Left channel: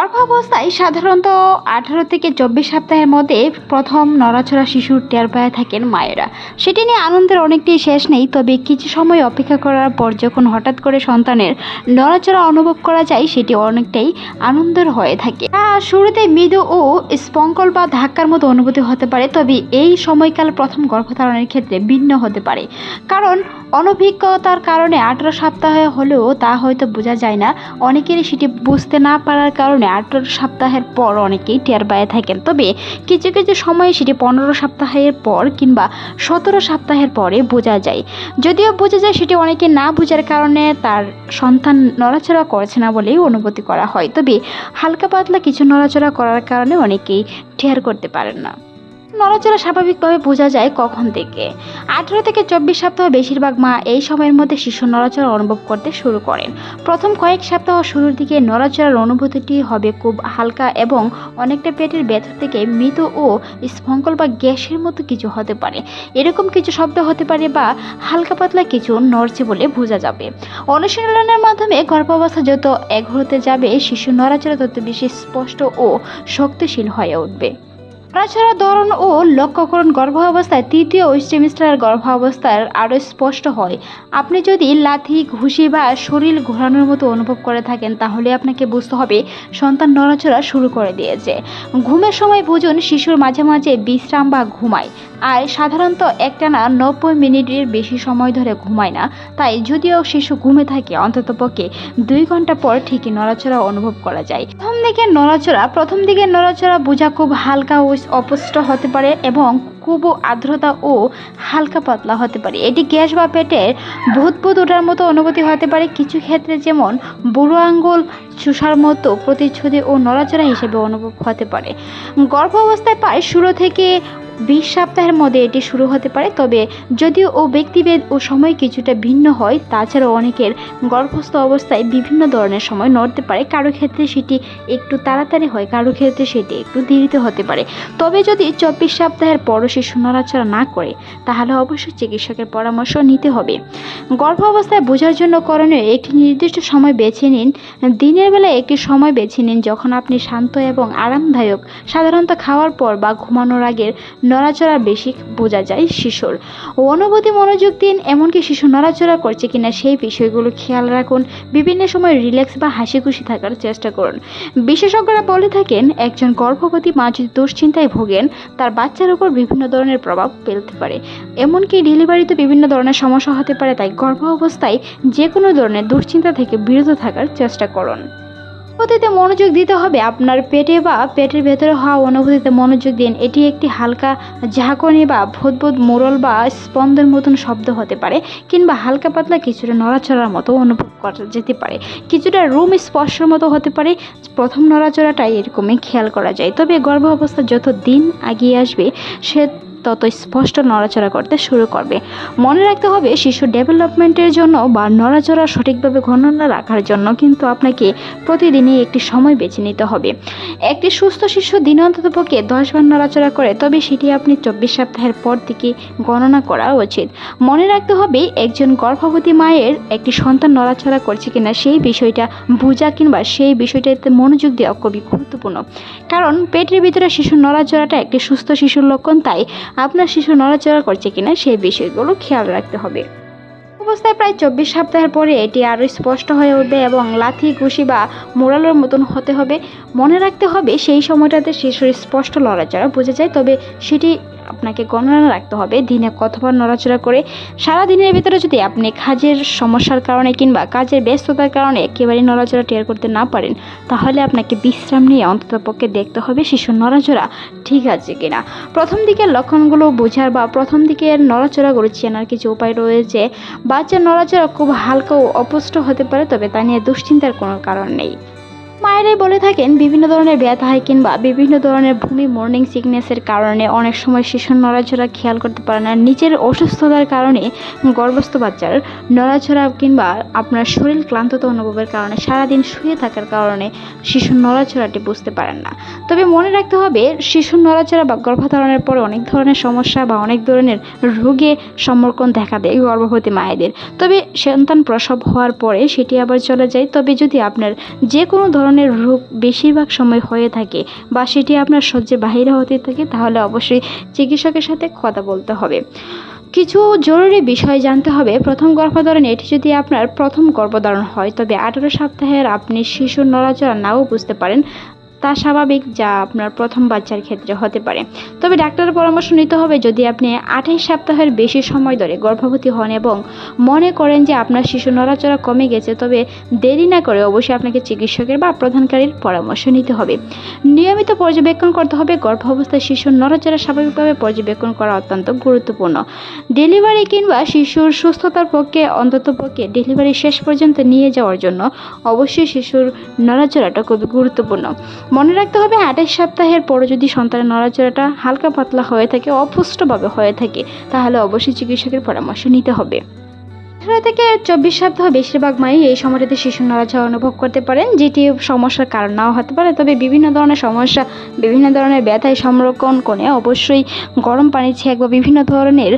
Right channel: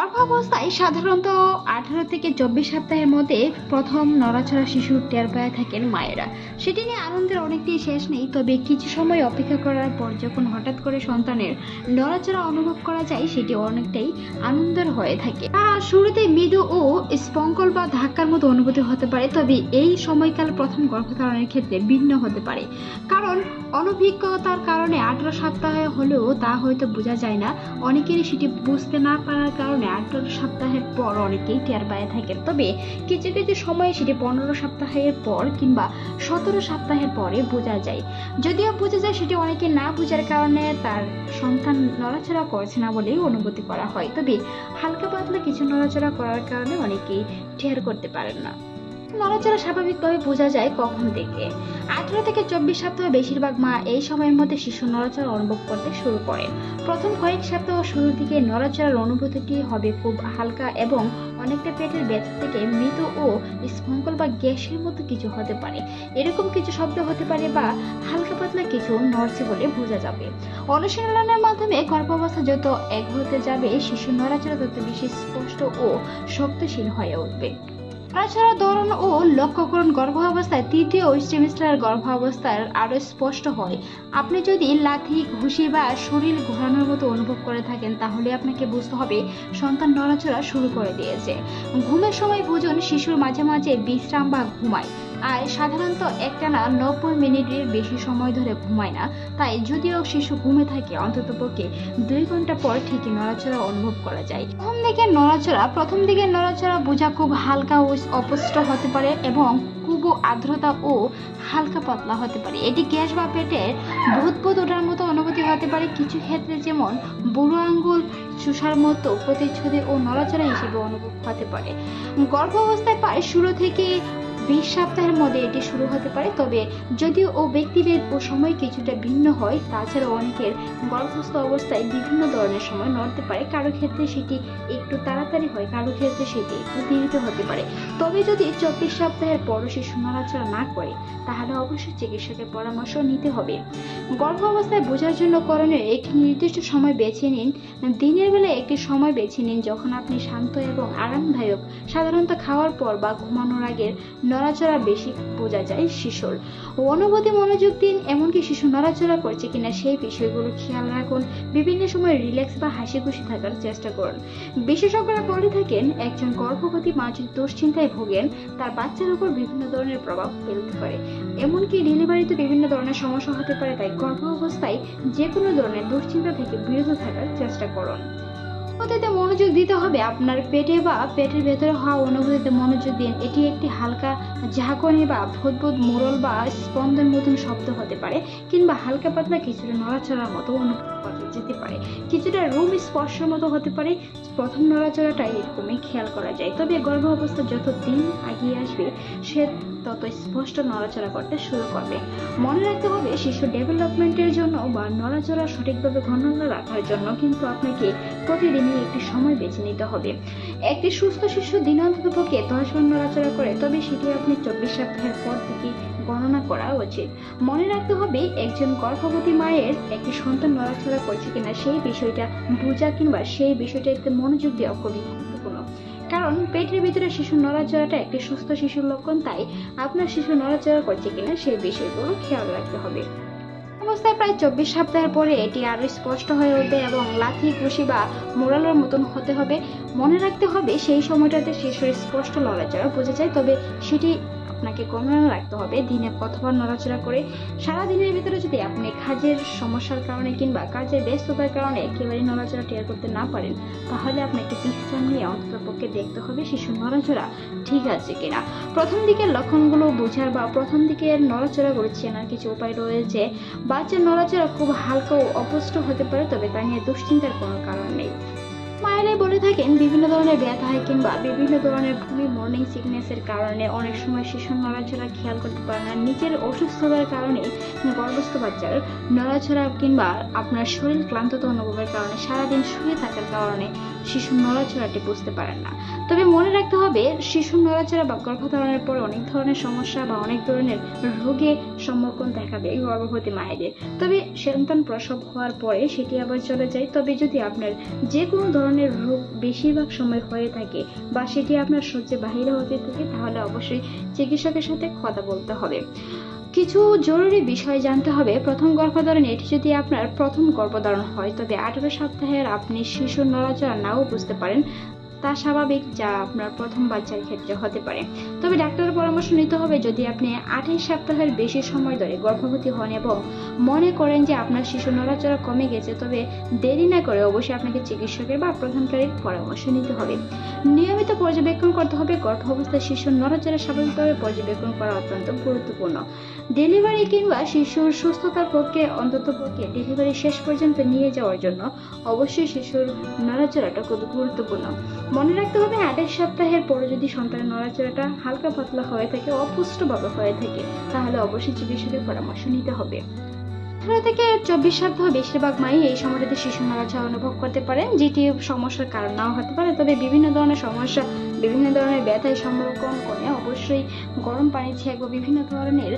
গর্ভাবস্থায় সাধারণত 18 থেকে 24 সপ্তাহের মধ্যে প্রথম নড়াচড়া শিশুর টের পেয়ে থাকেন মায়েরা। সেটি নিয়ে আনন্দের অনেকটাই শেষ নেই, তবে কিছু সময় অপেক্ষা করার পর যখন হঠাৎ করে সন্তানের নড়াচড়া অনুভব করা যায় সেটি অনেকটাই আনন্দের হয়ে থাকে। শুরুতে মৃদু ও স্পঙ্কল বা ধাক্কার মতো অনুভূতি হতে পারে, তবে এই সময়কাল প্রথম গর্ভধারণের ক্ষেত্রে ভিন্ন হতে পারে, কারণ অনভিজ্ঞতার কারণে 18 সপ্তাহে হলেও তা হয়তো বোঝা যায় না। অনেকেরই সেটি বুঝতে না পারার কারণে 18 সপ্তাহের পর অনেকেই টের পেয়ে থাকেন, তবে কিছু কিছু সময়ে সেটি 15 সপ্তাহের পর কিংবা 17 সপ্তাহের পরে বোঝা যায়। যদিও বোঝা যায়, সেটি অনেকে না বোঝার কারণে তার সন্তান নড়াচড়া করছে না বলেই অনুভূতি করা হয়, তবে হালকা পাতলা কিছু নড়াচড়া করার কারণে অনেকেই টের করতে পারেন না। নড়াচড়া স্বাভাবিকভাবে বোঝা যায় কখন থেকে? 18 থেকে 24 সপ্তাহ বেশিরভাগ মা এই সময়ের মধ্যে শিশুর নড়াচড়া অনুভব করতে শুরু করেন। প্রথম কয়েক সপ্তাহ শুরুর দিকে নড়াচড়ার অনুভূতিটি হবে খুব হালকা এবং অনেকটা পেটের ভেতর থেকে মৃদু ও স্পঙ্কল বা গ্যাসের মতো কিছু হতে পারে। এরকম কিছু শব্দ হতে পারে বা হালকা পাতলা কিছু নড়ছে বলে বোঝা যাবে। অনুশীলনের মাধ্যমে গর্ভাবস্থা যত এগোতে যাবে শিশুর নড়াচড়া তত বেশি স্পষ্ট ও শক্তিশীল হয়ে উঠবে। নড়াচড়ার ধরন ও লক্ষ্যকরণ গর্ভাবস্থায় তৃতীয় সেমিস্টার গর্ভাবস্থার আরও স্পষ্ট হয়। আপনি যদি লাথি, ঘুষি বা শরীর ঘোরানোর মতো অনুভব করে থাকেন, তাহলে আপনাকে বুঝতে হবে সন্তান নড়াচড়া শুরু করে দিয়েছে। ঘুমের সময় বুঝুন শিশুর মাঝে মাঝে বিশ্রাম বা ঘুমায়, আর সাধারণত একটানা 90 মিনিটের বেশি সময় ধরে ঘুমায় না। তাই যদিও শিশু ঘুমে থাকে, অন্ততপক্ষে 2 ঘন্টা পর ঠিকই নড়াচড়া অনুভব করা যায়। প্রথম দিকে নড়াচড়া বোঝা খুব হালকা ও অস্পষ্ট হতে পারে এবং খুব আর্দ্রতা ও হালকা পাতলা হতে পারে। এটি গ্যাস বা পেটের ভূত ওঠার মতো অনুভূতি হতে পারে। কিছু ক্ষেত্রে, যেমন বুড়ো আঙ্গুল চুষার মতো প্রতিচ্ছবি ও নড়াচড়া হিসেবে অনুভব হতে পারে। গর্ভাবস্থায় প্রায় শুরু থেকে 20 সপ্তাহের মধ্যে এটি শুরু হতে পারে, তবে যদিও ব্যক্তিভেদ ও সময় কিছুটা ভিন্ন হয়। তাছাড়া অনেকের গর্ভস্থ অবস্থায় বিভিন্ন ধরনের সময় নড়তে পারে। কারো ক্ষেত্রে সেটি একটু তাড়াতাড়ি হয়, কারো ক্ষেত্রে সেটি একটু দেরিতে হতে পারে। তবে যদি 24 সপ্তাহের পরও শিশু নড়াচড়া না করে, তাহলে অবশ্যই চিকিৎসকের পরামর্শ নিতে হবে। গর্ভাবস্থায় বোঝার জন্য করণীয়: একটি নির্দিষ্ট সময় বেছে নিন। দিনের বেলায় একটি সময় বেছে নিন যখন আপনি শান্ত এবং আরামদায়ক। সাধারণত খাওয়ার পর বা ঘুমানোর আগের নড়াচড়া বেশি বোঝা যায় শিশুর অনুভূতি। মনোযোগ দিন, এমনকি শিশু নড়াচড়া করছে কিনা সেই বিষয়গুলো খেয়াল রাখুন। বিভিন্ন সময় রিল্যাক্স বা হাসি খুশি থাকার চেষ্টা করুন। বিশেষজ্ঞরা বলে থাকেন, একজন গর্ভবতী মা যদি দুশ্চিন্তায় ভোগেন, তার বাচ্চার উপর বিভিন্ন ধরনের প্রভাব ফেলতে পারে, এমনকি ডেলিভারিতে বিভিন্ন ধরনের সমস্যা হতে পারে। তাই গর্ভ অবস্থায় যে কোনো ধরনের দুশ্চিন্তা থেকে বিরত থাকার চেষ্টা করুন। অনুভূতিতে মনোযোগ দিতে হবে। আপনার পেটে বা পেটের ভেতরে হওয়া অনুভূতিতে মনোযোগ দিন। এটি একটি হালকা ঝাঁকুনি বা ভুদভুদ মোড়ল বা স্পন্দন মতন শব্দ হতে পারে, কিংবা হালকা পাতলা কিছুটা নড়াচড়ার মতো অনুভব করা যেতে পারে। কিছুটা রুম স্পর্শের মতো হতে পারে। প্রথম নড়াচড়াটাই এরকমই খেয়াল করা যায়, তবে গর্ভ অবস্থা যত দিন এগিয়ে আসবে সে তত স্পষ্ট নড়াচড়া করতে শুরু করবে। মনে রাখতে হবে, শিশুর ডেভেলপমেন্টের জন্য বা নড়াচড়া সঠিকভাবে গণনা রাখার জন্য কিন্তু আপনাকে প্রতিদিনই একটি সময় বেছে নিতে হবে। একটি সুস্থ শিশু দিনে অন্ততপক্ষে 10 বার নড়াচড়া করে, তবে সেটি আপনি 24 সপ্তাহের পর থেকে গণনা করা উচিত। মনে রাখতে হবে, একজন গর্ভবতী মায়ের একটি সন্তান নড়াচড়া করছে কিনা সেই বিষয়টা বোঝা কিংবা সেই বিষয়টাতে মনোযোগ দেওয়া খুবই গুরুত্বপূর্ণ, কারণ পেটের ভিতরে শিশুর নড়াচড়াটা একটি সুস্থ শিশুর লক্ষণ। তাই আপনার শিশু নড়াচড়া করছে কিনা সেই বিষয়গুলো খেয়াল রাখতে হবে। অবস্থায় প্রায় 24 সপ্তাহের পরে এটি আরও স্পষ্ট হয়ে উঠবে এবং লাথি, ঘুষি বা মোড়ালোর মতন হতে হবে। মনে রাখতে হবে, সেই সময়টাতে শিশুর স্পষ্ট নড়াচড়া বোঝা যায়, তবে সেটি আপনাকে গণনা রাখতে হবে দিনে কতবার নড়াচড়া করে। সারা দিনের ভিতরে যদি আপনি কাজের সমস্যার কারণে কিংবা কাজের ব্যস্ততার কারণে একেবারে নড়াচড়া টের করতে না পারেন, তাহলে আপনাকে বিশ্রাম নিয়ে অন্ততপক্ষে দেখতে হবে শিশুর নড়াচড়া ঠিক আছে কিনা। প্রথম দিকের লক্ষণগুলো বোঝার বা প্রথম দিকের নড়াচড়াগুলো চেনার কিছু উপায় রয়েছে। বাচ্চার নড়াচড়া খুব হালকা ও অস্পষ্ট হতে পারে, তবে তা নিয়ে দুশ্চিন্তার কোনো কারণ নেই। মায়েরাই বলে থাকেন, বিভিন্ন ধরনের ব্যথা হয় কিংবা বিভিন্ন ধরনের ভূমি মর্নিং সিকনেসের কারণে অনেক সময় শিশুর নড়াচড়া খেয়াল করতে পারে না। নিজের অসুস্থতার কারণে গর্ভস্থ বাচ্চার নড়াচড়া কিংবা আপনার শরীর ক্লান্ততা অনুভবের কারণে সারাদিন শুয়ে থাকার কারণে শিশুর নড়াচড়াটি বুঝতে পারেন না। তবে মনে রাখতে হবে শিশুর নড়াচড়া বা গর্ভধারণের পরে অনেক ধরনের সমস্যা বা অনেক ধরনের রোগে সম্মুখীন দেখা দেয় গর্ভবতী মায়েদের। তবে সন্তান প্রসব হওয়ার পরে সেটি আবার চলে যায়। তবে যদি আপনার যে কোনো ধরনের রোগ বেশিরভাগ সময় হয়ে থাকে বা সেটি আপনার সহ্যের বাইরে হতে থাকে, তাহলে অবশ্যই চিকিৎসকের সাথে কথা বলতে হবে। কিছু জরুরি বিষয় জানতে হবে। প্রথম গর্ভধারণ, এটি যদি আপনার প্রথম গর্ভধারণ হয় তবে 18 সপ্তাহের আপনি শিশুর নড়াচড়া নাও বুঝতে পারেন, তা স্বাভাবিক, যা আপনার প্রথম বাচ্চার ক্ষেত্রে হতে পারে। তবে ডাক্তারের পরামর্শ নিতে হবে যদি আপনি 28 সপ্তাহের বেশি সময় ধরে গর্ভবতী হন এবং মনে করেন যে আপনার শিশু নড়াচড়া কমে গেছে, তবে দেরি না করে অবশ্যই আপনাকে চিকিৎসকের বা প্রদানকারীর পরামর্শ নিতে হবে। নিয়মিত পর্যবেক্ষণ করতে হবে। গর্ভাবস্থায় শিশুর নড়াচড়া স্বাভাবিকভাবে পর্যবেক্ষণ করা অত্যন্ত গুরুত্বপূর্ণ। ডেলিভারি কিংবা শিশুর সুস্থতার পক্ষে অন্ততপক্ষে ডেলিভারি শেষ পর্যন্ত নিয়ে যাওয়ার জন্য অবশ্যই শিশুর নড়াচড়াটা খুব গুরুত্বপূর্ণ। মনে রাখতে হবে 28 সপ্তাহের পরে যদি সন্তানের নড়াচড়াটা হালকা পাতলা হয়ে থাকে, অপুষ্টভাবে হয়ে থাকে, তাহলে অবশ্যই চিকিৎসকের পরামর্শ নিতে হবে। 18 থেকে 24 সপ্তাহ বেশিরভাগ মাই এই সময়টাতে শিশুর নড়াচড়া অনুভব করতে পারেন, যেটি সমস্যার কারণ নাও হতে পারে। তবে বিভিন্ন ধরনের সমস্যা, বিভিন্ন ধরনের ব্যথায় সংরক্ষণ করে অবশ্যই গরম পানি ছেঁক বা বিভিন্ন ধরনের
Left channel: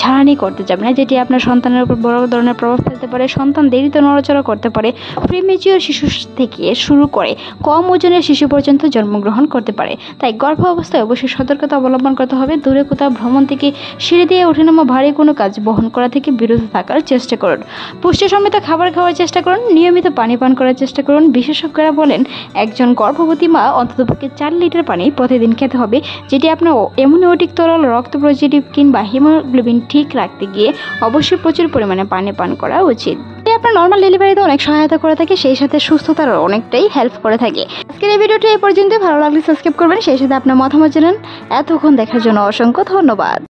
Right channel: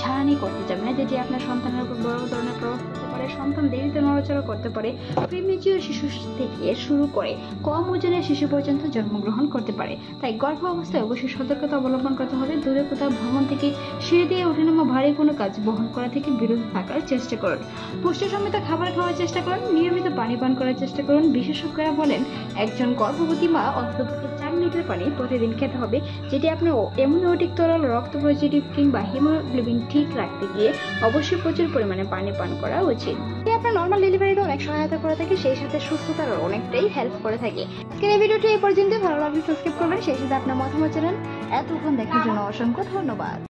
ঝাড়ানি করতে যাবে না, যেটি আপনার সন্তানের উপর বড় ধরনের প্রভাব ফেলতে পারে। সন্তান দেরিতে নড়াচড়া করতে পারে। প্রিমেচিওর শিশু থেকে শুরু করে কম ওজনের শিশু পর্যন্ত জন্মগ্রহণ করতে পারে। তাই গর্ভ অবস্থায় অবশ্যই সতর্কতা অবলম্বন করতে হবে। দূরে কোথাও ভ্রমণ থেকে, সিঁড়ি দিয়ে ওঠানামা, ভারী কোনো কাজ বহন করা থেকে বিরত থাকার চেষ্টা করুন। পুষ্টিসম্মত খাবার খাওয়ার চেষ্টা করুন। নিয়মিত পানি পান করার চেষ্টা করুন। বিশেষজ্ঞরা বলেন একজন গর্ভবতী মা অন্ততপক্ষে 4 লিটার পানি প্রতিদিন খেতে হবে, যেটি আপনার এমনিওটিক তরল, রক্ত পজিটিভ কিংবা হিমোগ্লোবিন ঠিক রাখতে গিয়ে অবশ্যই প্রচুর পরিমাণে পানি পান করা উচিত। এটি আপনার নর্মাল ডেলিভারিতে অনেক সহায়তা করে থাকে, সেই সাথে সুস্থতার অনেকটাই হেল্প করে থাকে। আজকের এই ভিডিওটি এই পর্যন্ত। ভালো লাগলে সাবস্ক্রাইব করবেন, সেই সাথে আপনার মতামত জানান। এতক্ষণ দেখার জন্য অসংখ্য ধন্যবাদ।